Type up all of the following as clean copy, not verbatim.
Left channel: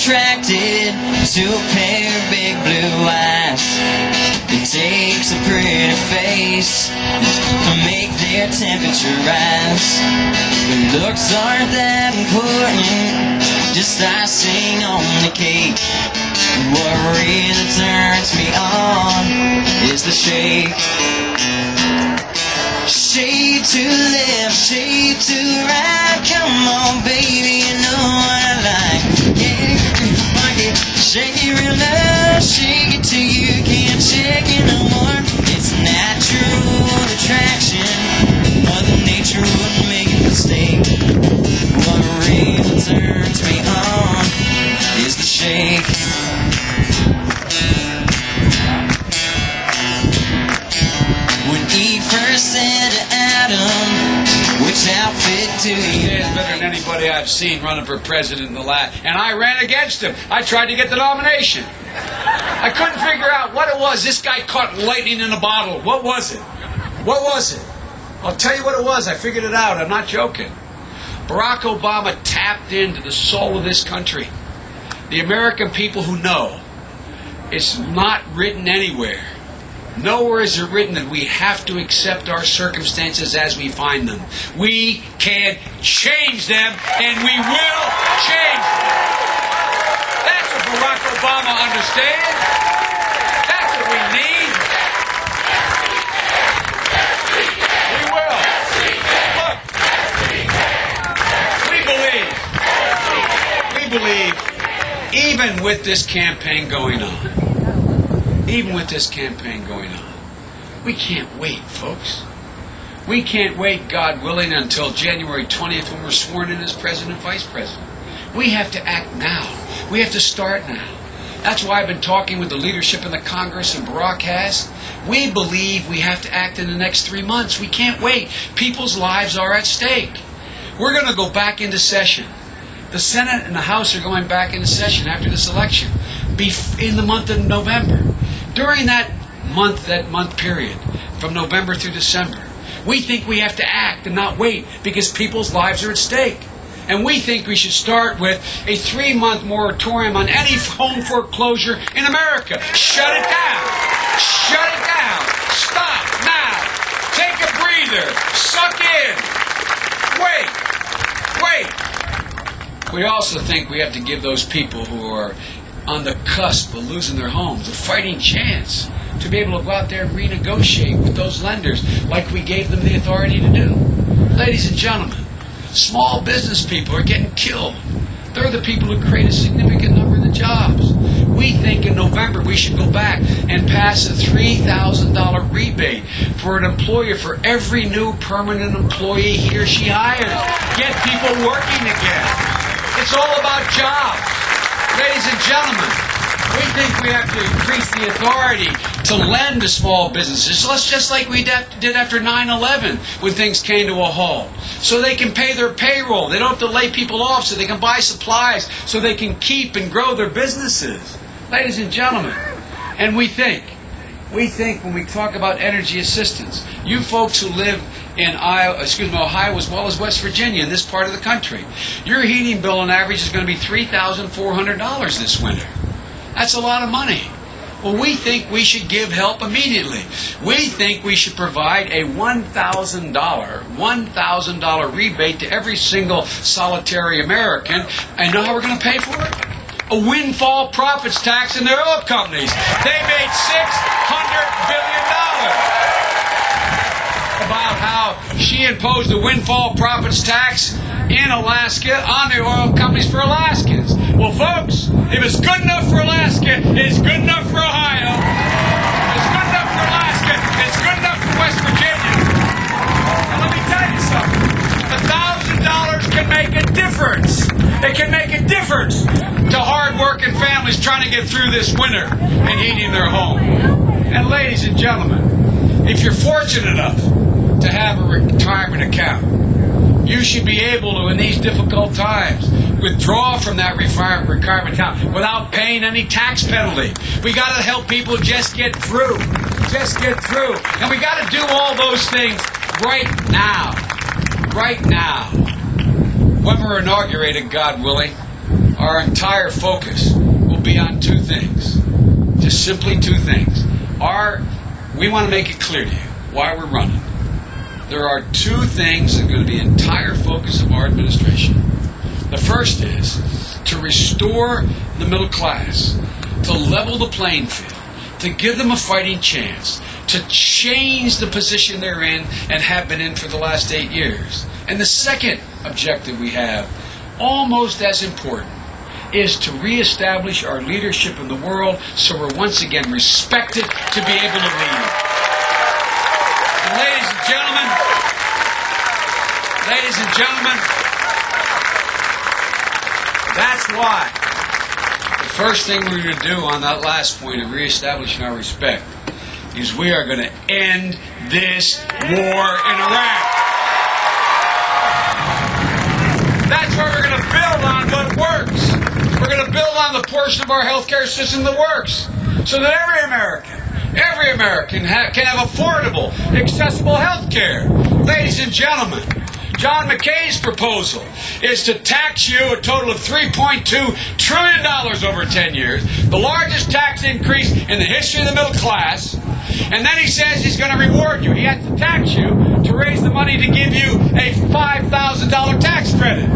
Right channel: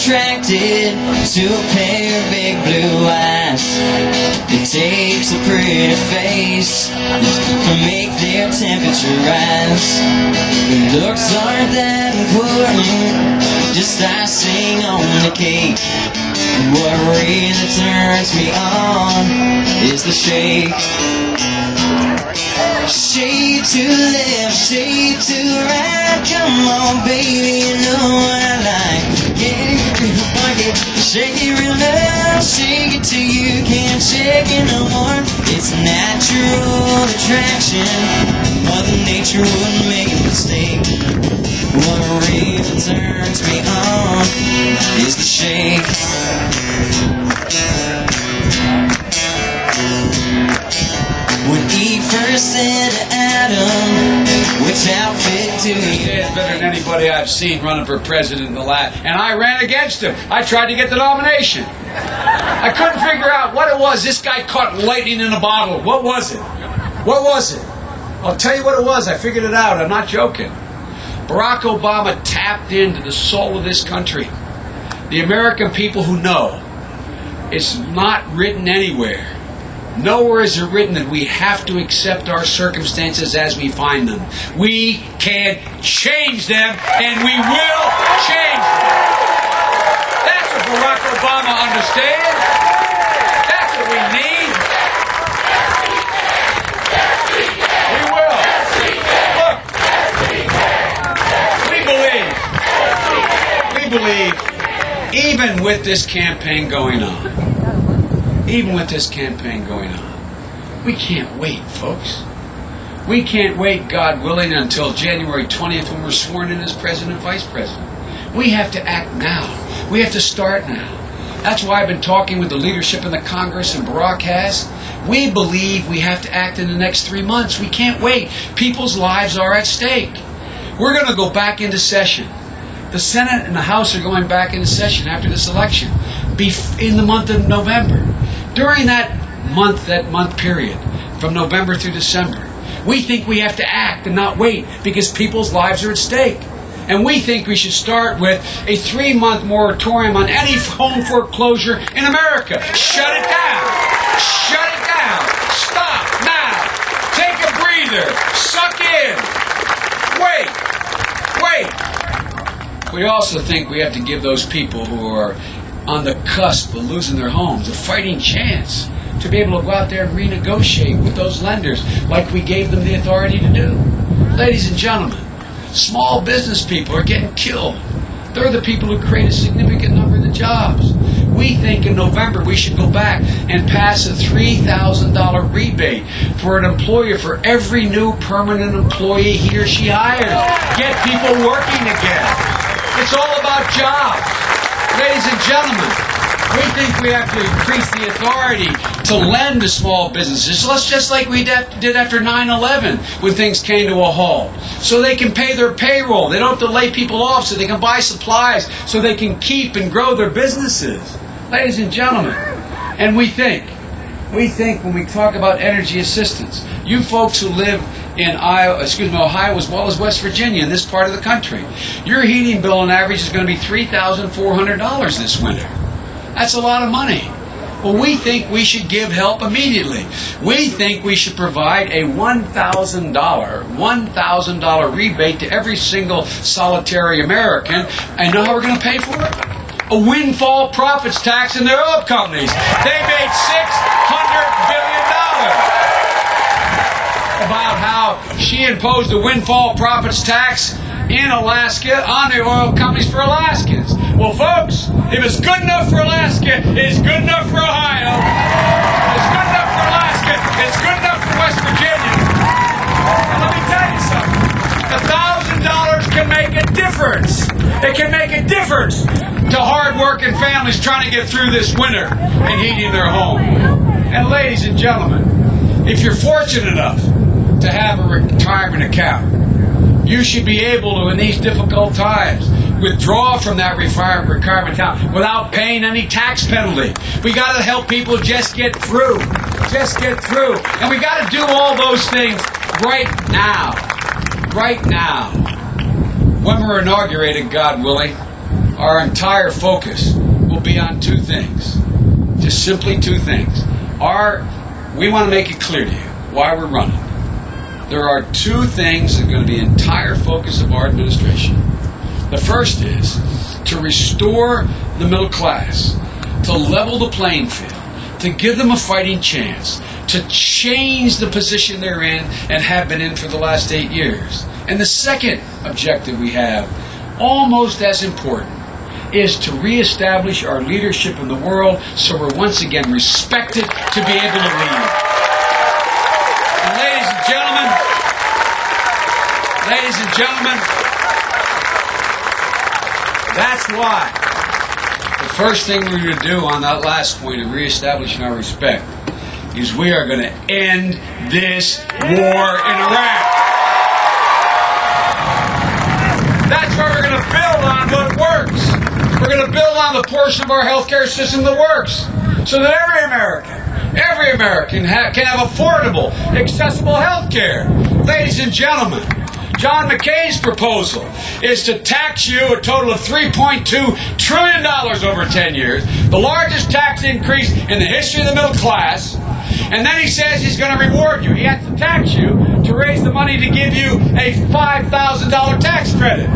attracted to a pair of big blue eyes. It takes a pretty face to make their temperature rise. Looks aren't that important, just icing on the cake. What really turns me on is the shake. Shake to the left, shake to the right. Come on, baby, you know what I like. Get it, shake it real loud, shake it till you can't shake it no more. It's natural attraction. Mother Nature wouldn't make a mistake. What really turns me on is the shake. When Eve first said to Adam, which outfit do you? Stands better than anybody I've seen running for president in the last. And I ran against him. I tried to get the nomination. I couldn't figure out what it was. This guy caught lightning in a bottle. What was it? What was it? I'll tell you what it was. I figured it out. I'm not joking. Barack Obama tapped into the soul of this country. The American people who know it's not written anywhere. Nowhere is it written that we have to accept our circumstances as we find them. We can change them, and we will change them. That's what Barack Obama understands. That's what we need. We will. Look, we believe, even with this campaign going on, we can't wait, folks. We can't wait, God willing, until January 20th when we're sworn in as President and Vice President. We have to act now. We have to start now. That's why I've been talking with the leadership in the Congress, and Barack has. We believe we have to act in the next 3 months. We can't wait. People's lives are at stake. We're going to go back into session. The Senate and the House are going back into session after this election, in the month of November. During that month period, from November through December, we think we have to act and not wait because people's lives are at stake. And we think we should start with a 3-month moratorium on any home foreclosure in America. Shut it down. Shut it down. Stop now. Take a breather. Suck in. Wait. We also think we have to give those people who are on the cusp of losing their homes a fighting chance to be able to go out there and renegotiate with those lenders like we gave them the authority to do. Ladies and gentlemen, small business people are getting killed. They're the people who create a significant number of the jobs. We think in November we should go back and pass a $3,000 rebate for an employer for every new permanent employee he or she hires. Get people working again. It's all about jobs. Ladies and gentlemen, we think we have to increase the authority to lend to small businesses, just like we did after 9/11 when things came to a halt. So they can pay their payroll. They don't have to lay people off so they can buy supplies so they can keep and grow their businesses. Ladies and gentlemen, and we think when we talk about energy assistance, you folks who live in Ohio as well as West Virginia in this part of the country, your heating bill on average is going to be $3,400 this winter. That's a lot of money. Well, we think we should give help immediately. We think we should provide a $1,000 rebate to every single solitary American. And know how we're going to pay for it? A windfall profits tax in their oil companies. They made $600 billion. About how she imposed a windfall profits tax in Alaska on the oil companies for Alaskans. Well, folks, if it's good enough for Alaska, it's good enough for Ohio. If it's good enough for Alaska, it's good enough for West Virginia. And let me tell you something. $1,000 can make a difference. It can make a difference to hard-working families trying to get through this winter and heating their home. And ladies and gentlemen, if you're fortunate enough to have a retirement account, you should be able to, in these difficult times, withdraw from that retirement account without paying any tax penalty. We got to help people just get through. Just get through. And we got to do all those things right now. Right now. When we're inaugurated, God willing, our entire focus will be on two things. Just simply two things. We want to make it clear to you why we're running. There are two things that are going to be the entire focus of our administration. The first is to restore the middle class, to level the playing field, to give them a fighting chance, to change the position they're in and have been in for the last 8 years. And the second objective we have, almost as important, is to reestablish our leadership in the world so we're once again respected to be able to lead. And ladies and gentlemen, that's why the first thing we're going to do on that last point of reestablishing our respect is we are going to end this war in Iraq. That's why we're going to build on what works. We're going to build on the portion of our healthcare system that works, so that every American can have affordable, accessible healthcare. Ladies and gentlemen, John McCain's proposal is to tax you a total of $3.2 trillion over 10 years, the largest tax increase in the history of the middle class. And then he says he's going to reward you. He has to tax you to raise the money to give you a $5,000 tax credit.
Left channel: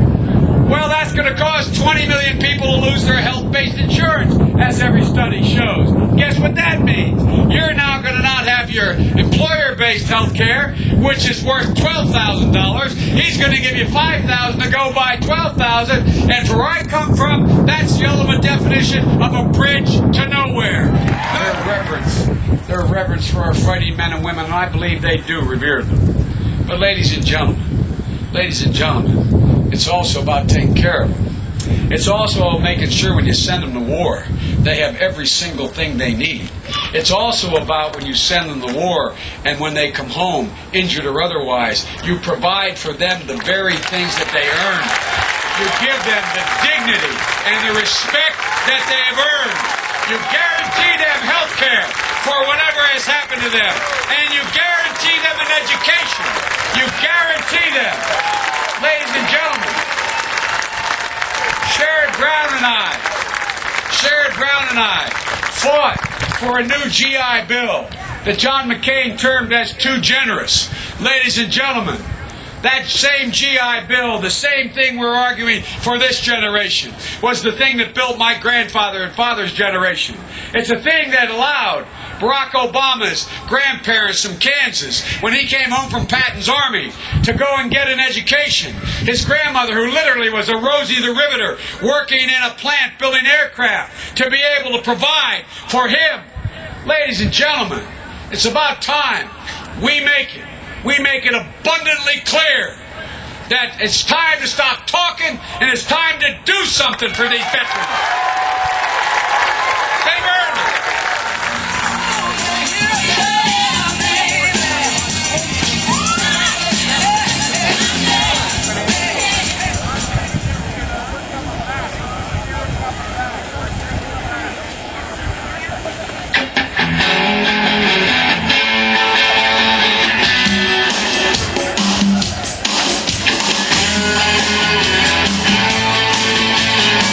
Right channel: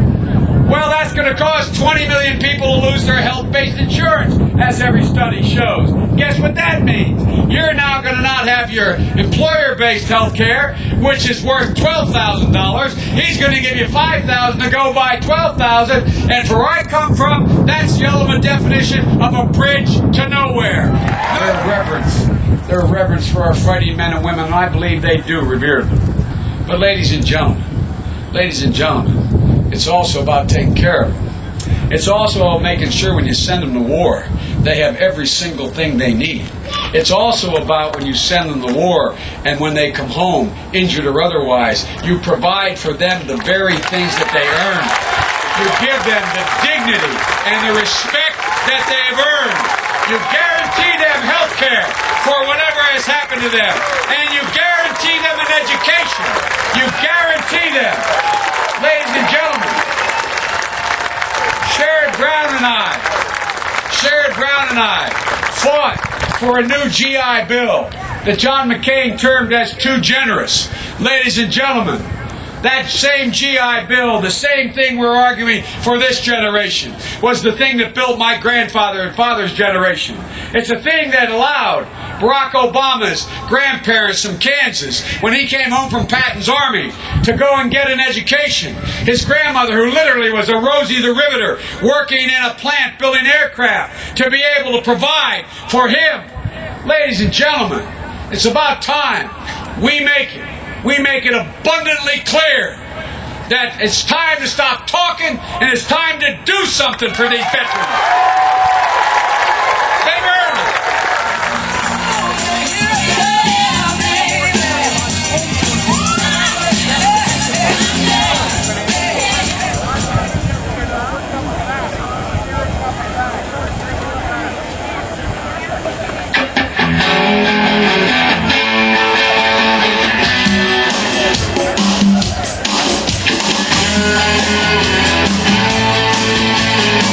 Well, that's going to cause 20 million people to lose their health-based insurance, as every study shows. Guess what that means? You're now going to not have your employer-based health care, which is worth $12,000. He's going to give you $5,000 to go buy $12,000. And for where I come from, that's the ultimate definition of a bridge to nowhere. Their reverence for our fighting men and women, and I believe they do revere them. But ladies and gentlemen, it's also about taking care of them. It's also about making sure when you send them to war, they have every single thing they need. It's also about when you send them to war and when they come home, injured or otherwise, you provide for them the very things that they earn. You give them the dignity and the respect that they have earned. You guarantee them health care for whatever has happened to them. And you guarantee them an education. You guarantee them. Ladies and gentlemen, Sherrod Brown and I fought for a new GI Bill that John McCain termed as too generous. Ladies and gentlemen, that same GI Bill, the same thing we're arguing for this generation, was the thing that built my grandfather and father's generation. It's a thing that allowed Barack Obama's grandparents from Kansas, when he came home from Patton's army, to go and get an education. His grandmother, who literally was a Rosie the Riveter, working in a plant building aircraft, to be able to provide for him. Ladies and gentlemen, it's about time we make it abundantly clear that it's time to stop talking and it's time to do something for these veterans.